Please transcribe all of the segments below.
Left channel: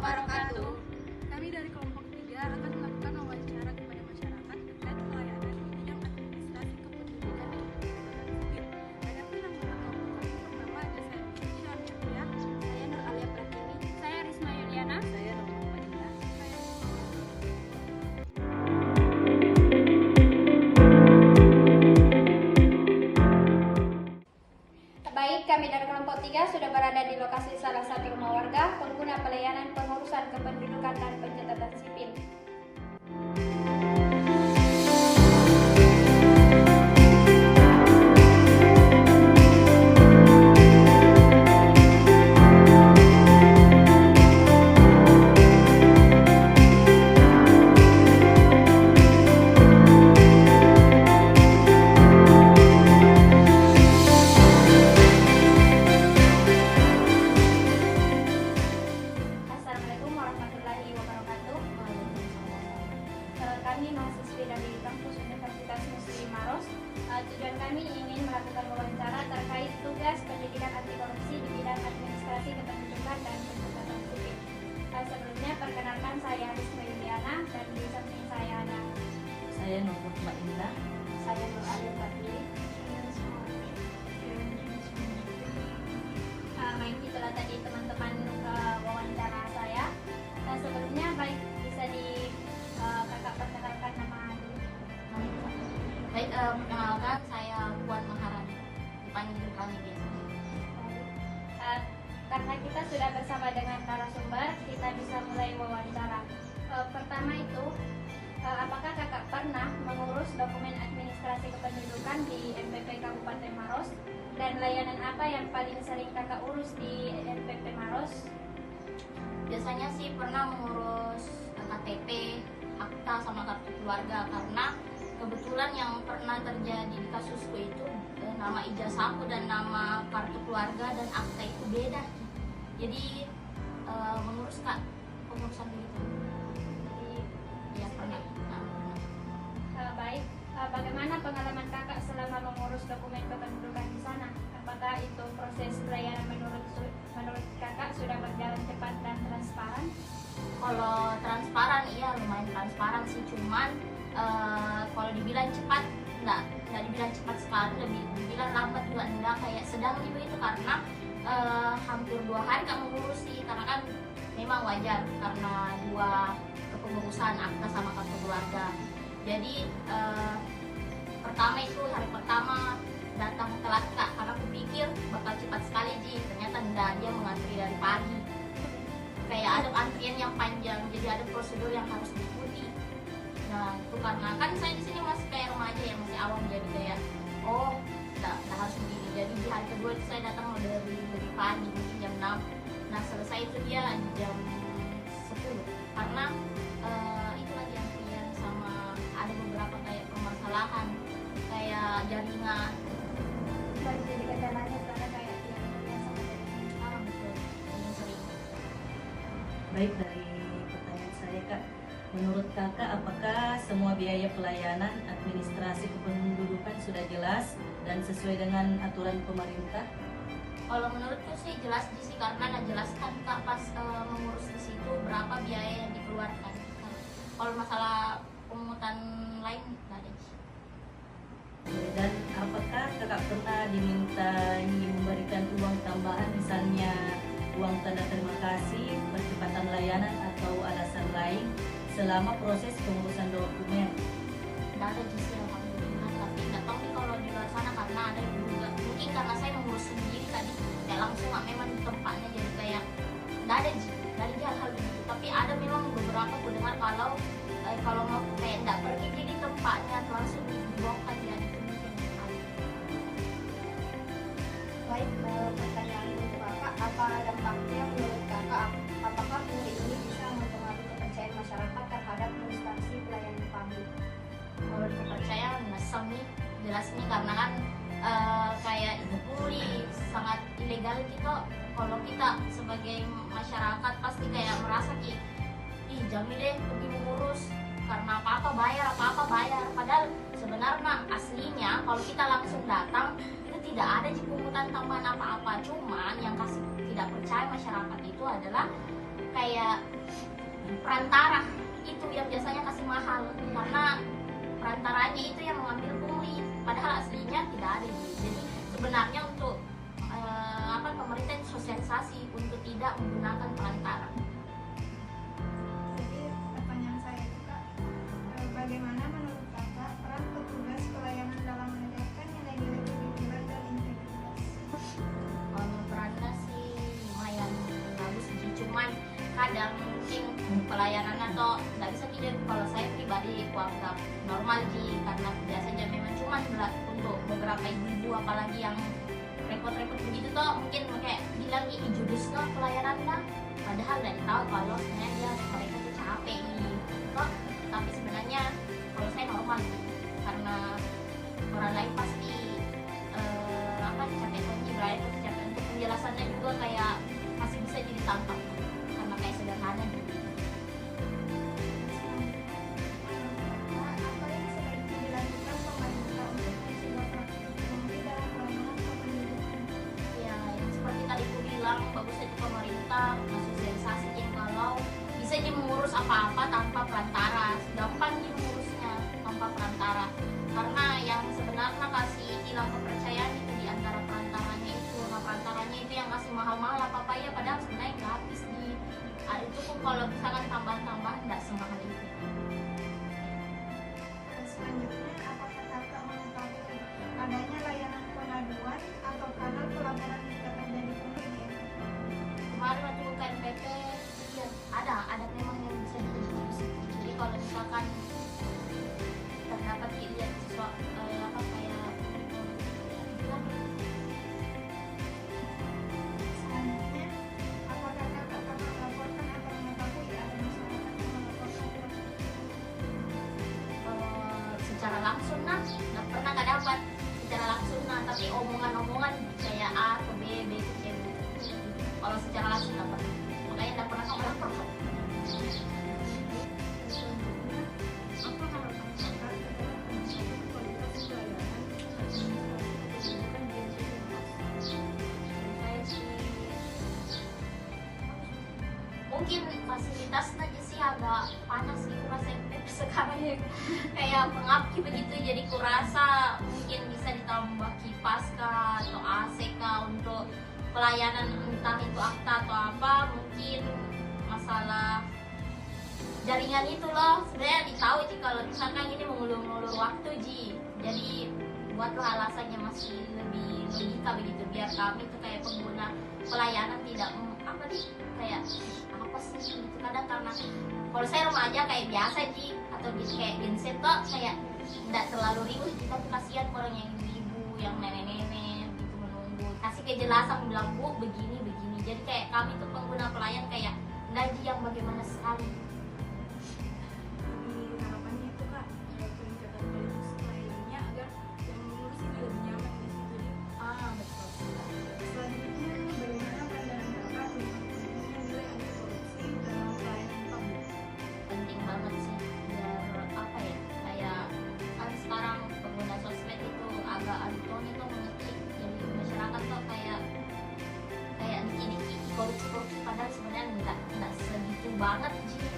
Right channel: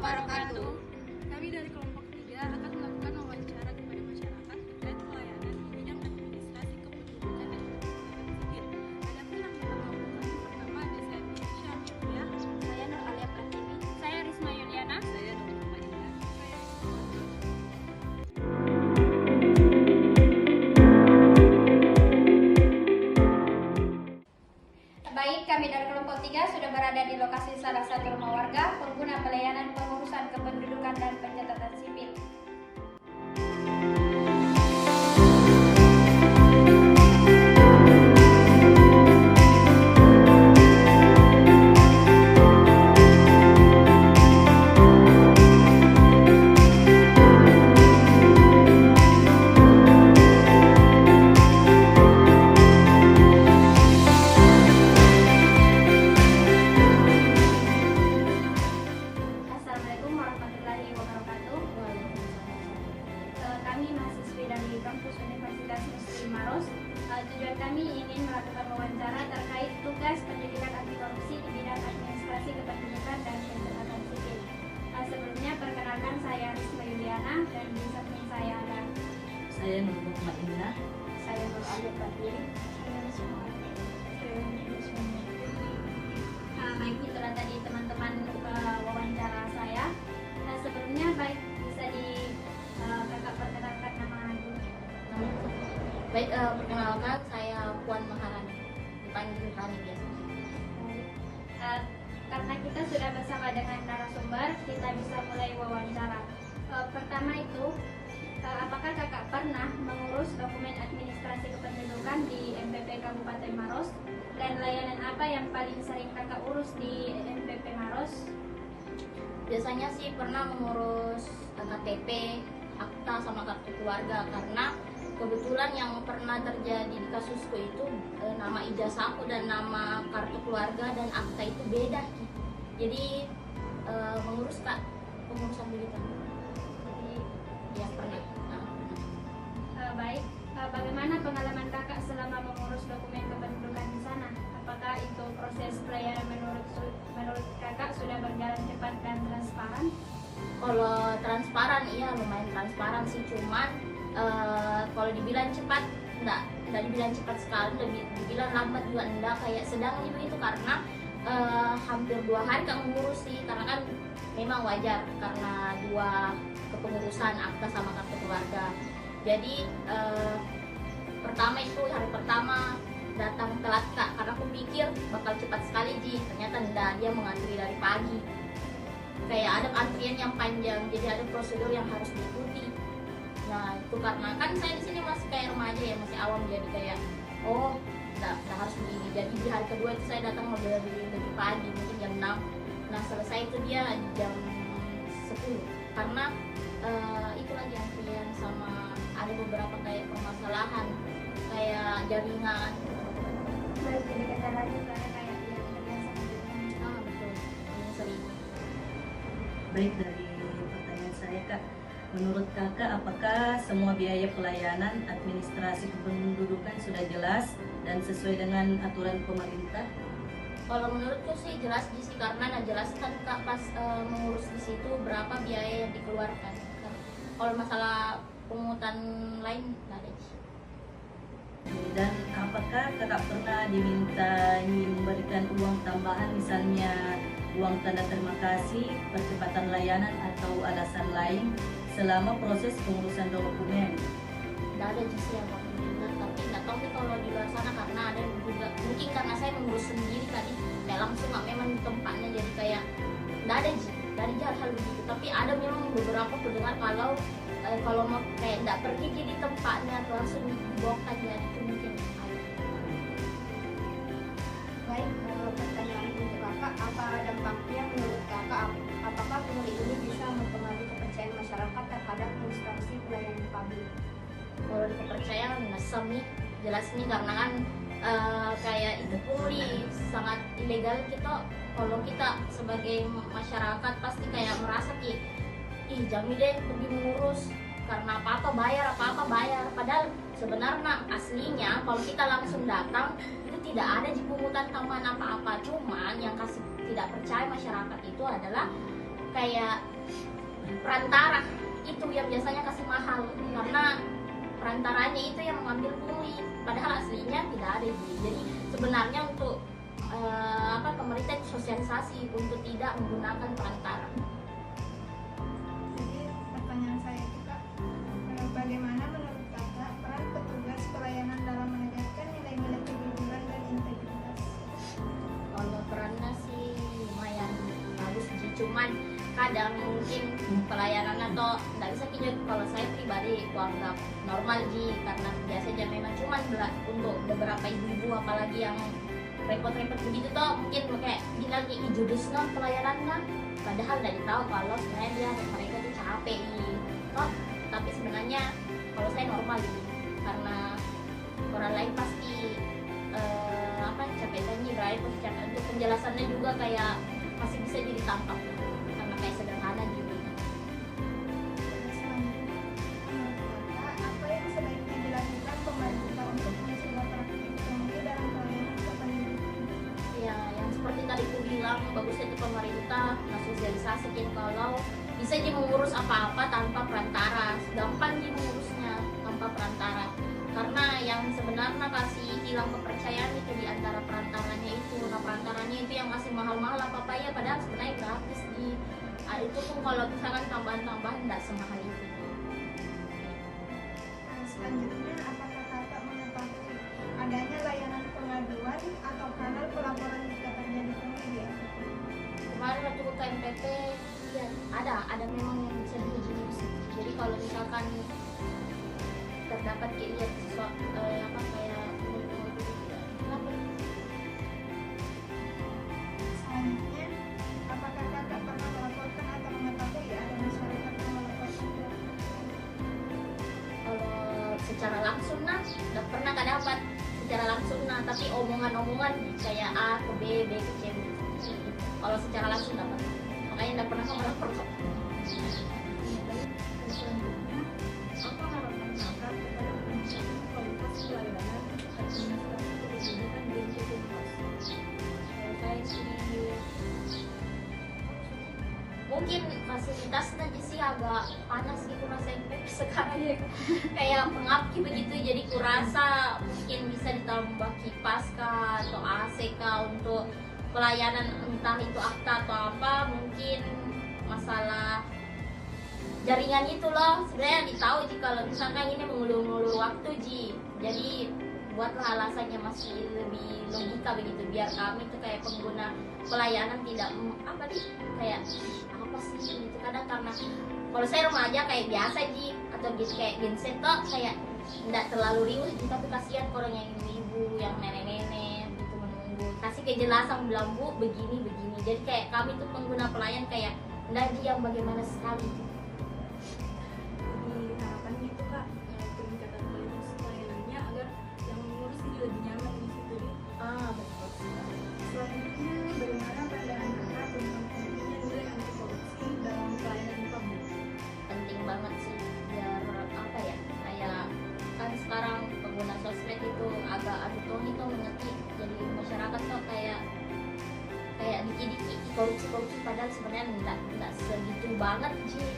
wabarakatuh. Kami dari kelompok 3 akan melakukan wawancara kepada masyarakat terkait pelayanan di bidang administrasi kependudukan dan pencatatan sipil. Adapun yang kelompok kami pertama ada saya Indonesia Amelia, Saya Nur Alia Pratini. Saya Risma Yuliana. saya Nurul Madina, saya Rizko. Baik, kami dari kelompok 3 sudah berada di lokasi salah satu rumah warga pengguna pelayanan pengurusan kependudukan dan pencatatan sipil. Assalamualaikum warahmatullahi wabarakatuh. Kami mahasiswi dari kampus Universitas Muslim Maros. Tujuan kami ingin melakukan wawancara terkait tugas pendidikan anti korupsi di bidang administrasi kependudukan dan pencatatan sipil. Sebelumnya perkenalkan saya Risma Yuliana dan di samping saya ada Saya Nurul Madina. saya Nur Alia Pratini. Baik, itulah tadi teman-teman wawancara saya. Sebelumnya baik bisa kakak perkenalkan nama dulu. Baik, perkenalkan saya Puan Maharani, dipanggil Rani biasa. Karena kita sudah bersama dengan narasumber, kita bisa mulai wawancara. Pertama itu, apakah kakak pernah mengurus dokumen administrasi kependudukan di MPP Kabupaten Maros? Dan layanan apa yang paling sering kakak urus di MPP Maros? Biasanya sih pernah mengurus KTP, akta sama kartu keluarga, karena kebetulan yang pernah terjadi di kasusku itu nama ijazahku dan nama kartu keluarga dan akta itu beda. Jadi mengurus pengurusan militan. Jadi ya pernah. Baik, bagaimana pengalaman kakak selama mengurus dokumen kependudukan di sana? Apakah itu proses pelayanan menurut kakak sudah berjalan cepat dan transparan? Kalau transparan, iya lumayan transparan sih, cuman kalau dibilang cepat, enggak dibilang cepat sekali, lebih dibilang lambat juga enggak, kayak sedangnya begitu, karena hampir 2 hari kan mengurus sih, karena kan memang wajar karena 2 kepengurusan akta sama kartu keluarga. Jadi pertama itu hari pertama datang telat kak, karena aku pikir bakal cepat sekali ternyata enggak, dia mengantri dari pagi, kayak ada antrian yang panjang, jadi ada prosedur yang harus diikuti. Nah itu karena kan saya di sini masih kayak remaja ya, masih awam, jadi kayak nggak harus berdiri. Jadi di hari kedua itu saya datang lebih pagi, mungkin jam 6. Nah selesai itu dia di jam 10 karena itu lagi antrian sama ada beberapa kayak permasalahan kayak jaringan. Baik, jadi kendalanya kakak kayak Betul, ini sering. Baik, dari pertanyaan saya Kak, menurut Kakak apakah semua biaya pelayanan administrasi kependudukan sudah jelas dan sesuai dengan aturan pemerintah? Kalau menurutku sih jelas sih, karena jelaskan kak pas mengurus di situ berapa biaya yang dikeluarkan. Kalau masalah pungutan lain nggak ada. Dan apakah Kakak pernah diminta memberikan uang tambahan, misalnya uang tanda terima kasih, percepatan layanan atau alasan lain selama proses pengurusan dokumen? Nggak ada sih alhamdulillah, tapi nggak tahu nih kalau di luar sana, karena ada yang juga mungkin karena saya mengurus sendiri tadi kayak langsung nggak memang di tempatnya, jadi kayak nggak ada hal begitu. Tapi ada memang beberapa pendengar kalau mau kayak nggak pergi jadi tempatnya atau langsung dibongkar, ya itu mungkin ada. Baik, pertanyaan untuk kakak, apa dampaknya menurut kakak? Apakah pungli ini bisa mempengaruhi kepercayaan masyarakat terhadap instansi pelayanan publik? Kalau di kepercayaan ngesem nih, jelas nih, karena kan kayak itu pungli sangat ilegal kita. Kalau kita sebagai masyarakat pasti kayak merasa ih jami deh pergi mengurus karena apa-apa bayar, padahal sebenarnya aslinya kalau kita langsung datang itu tidak ada pungutan tambahan apa-apa. Cuman yang kasih tidak percaya masyarakat itu adalah kayak perantara itu yang biasanya kasih mahal, karena perantaranya itu yang mengambil pungli, padahal aslinya tidak ada. Jadi sebenarnya untuk pemerintah sosialisasi untuk tidak menggunakan perantara. Jadi pertanyaan saya juga, bagaimana menurut Kakak peran petugas pelayanan dalam menegakkan nilai-nilai kejujuran dan integritas? Kalau perannya sih lumayan bagus sih, cuman kadang mungkin pelayanan atau nggak bisa kita, kalau saya pribadi kuanggap normal sih, karena biasanya memang cuman untuk beberapa ibu-ibu apalagi yang repot-repot begitu toh, mungkin kayak bilang ijudus no pelayanannya, padahal dari tahu kalau sebenarnya dia mereka tuh capek toh. Tapi sebenarnya kalau saya normal sih, karena orang lain pasti capek nih, berarti capek untuk penjelasannya juga kayak masih bisa jadi tampak karena kayak sederhana gitu. Selanjutnya, menurut Kakak apa yang sebaiknya dilakukan pemerintah untuk mencegah praktik pungli dalam pelayanan kependudukan? Ya, yang seperti tadi aku bilang, bagusnya itu pemerintah ngasosialisasiin kalau bisa aja mengurus apa-apa tanpa perantara, gampang aja mengurusnya tanpa perantara, karena yang sebenarnya kasih hilang kepercayaan itu di antara perantaranya itu. Nah, perantaranya itu yang masih mahal-mahal apa-apa ya, padahal sebenarnya gratis di itu pun kalau misalkan tambahan-tambahan nggak semahal itu. Selanjutnya, apakah Kakak mengetahui adanya layanan pengaduan atau kanal pelaporan jika terjadi pungli di NPP? Kemarin waktu buka NPP ya ada memang yang bisa diurus. Jadi kalau misalkan terdapat lihat sesuatu kayak Selanjutnya, apakah Kakak pernah melaporkan atau mengetahui ada masyarakat yang melaporkan? kalau secara langsung nggak pernah nggak dapat secara langsung tapi omongan-omongan kayak A ke B, B ke C begitu. Kalau secara langsung dapat, makanya nggak pernah kamu lapor. Selanjutnya, apa harapan Kakak terhadap peningkatan kualitas pelayanan administrasi kependudukan di NPP? Saya sih mungkin fasilitasnya aja sih agak panas gitu rasa MPP sekarang ya. Kayak pengap begitu, jadi kurasa mungkin bisa ditambah kipas kah atau AC kah untuk pelayanan, entah itu akta atau apa. Mungkin masalah jaringan itu loh sebenarnya ditahu sih, kalau misalkan ini mengulur-ulur waktu jadi buatlah alasannya masih lebih logika begitu, biar kami tuh kayak pengguna pelayanan tidak kayak apa sih gitu. Kadang karena kalau saya remaja kayak biasa atau gitu kayak genset kok kayak tidak terlalu riuh tapi kasihan orang yang ibu-ibu yang nenek-nenek gitu menunggu, kasih kejelasan bilang Bu begini, jadi kayak kami tuh pengguna pelayan kayak enggak yang bagaimana sekali. Jadi harapannya itu Kak, peningkatan kualitas pelayanannya agar yang mengurus itu lebih nyaman di situ. Betul. Selanjutnya, bagaimana pandangan Kakak tentang pentingnya nilai anti korupsi dalam pelayanan publik? Penting banget sih, biar kayak kan sekarang pengguna sosmed itu agak adu toni tuh mengerti, jadi masyarakat tuh kayak dikit-dikit korupsi padahal sebenarnya nggak segitu banget sih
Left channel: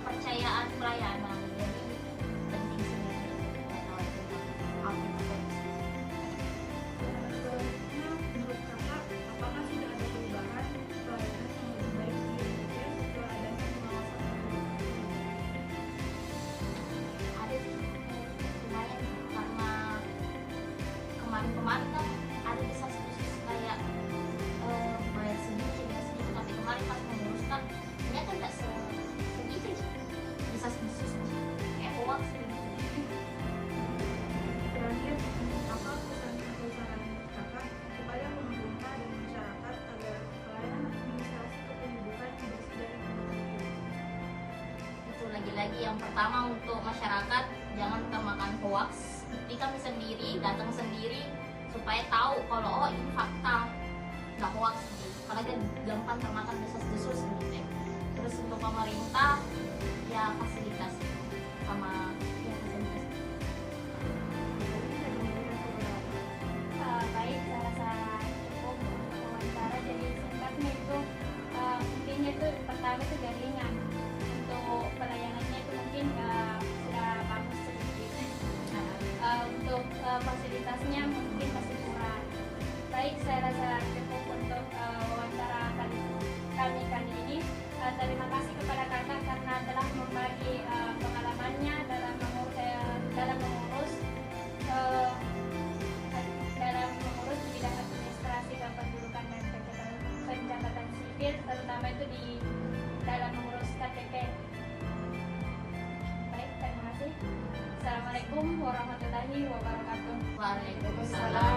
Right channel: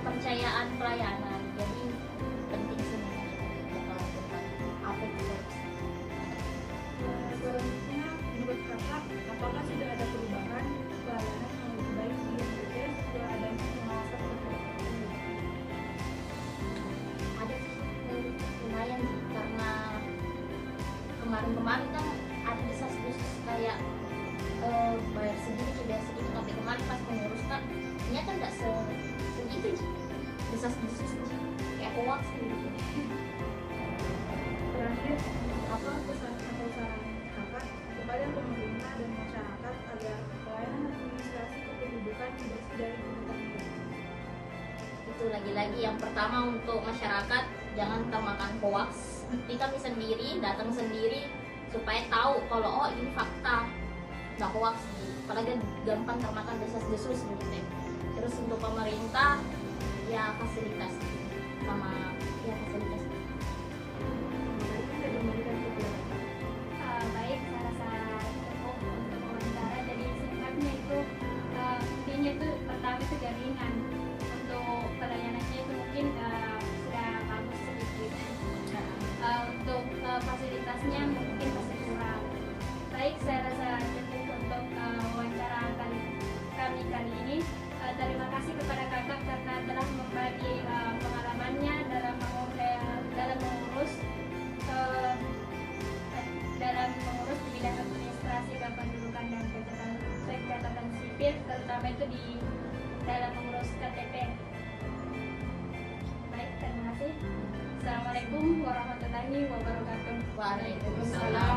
kepercayaan pelayanan. Jadi penting sih tahu tentang apa itu korupsi. Selanjutnya, menurut Kakak, apakah tidak ada perubahan pelayanan yang lebih baik di NPP setelah adanya pengawasan terhadap pungli? Ada sih lumayan sih, karena kemarin kan ada desas-desus kayak bayar segitu tapi kemarin pas mengurus kan ternyata nggak segitu desas-desus kayak hoax gitu. Terakhir, apa pesan atau saran Kakak kepada pemerintah dan masyarakat agar pelayanan administrasi kependudukan bersih dari kepentingan? Itu lagi-lagi yang pertama untuk masyarakat, jangan termakan hoax. Tapi kami sendiri datang sendiri supaya tahu kalau ini fakta, nggak hoax sih. Apalagi gampang termakan desas-desus gitu. Terus untuk pemerintah ya fasilitas sama ya fasilitas. Baik, saya rasa cukup untuk wawancara. Jadi singkatnya itu intinya itu pertama itu jaringan. di dalam mengurus KTP. Baik, terima kasih. Assalamualaikum warahmatullahi wabarakatuh. Waalaikumsalam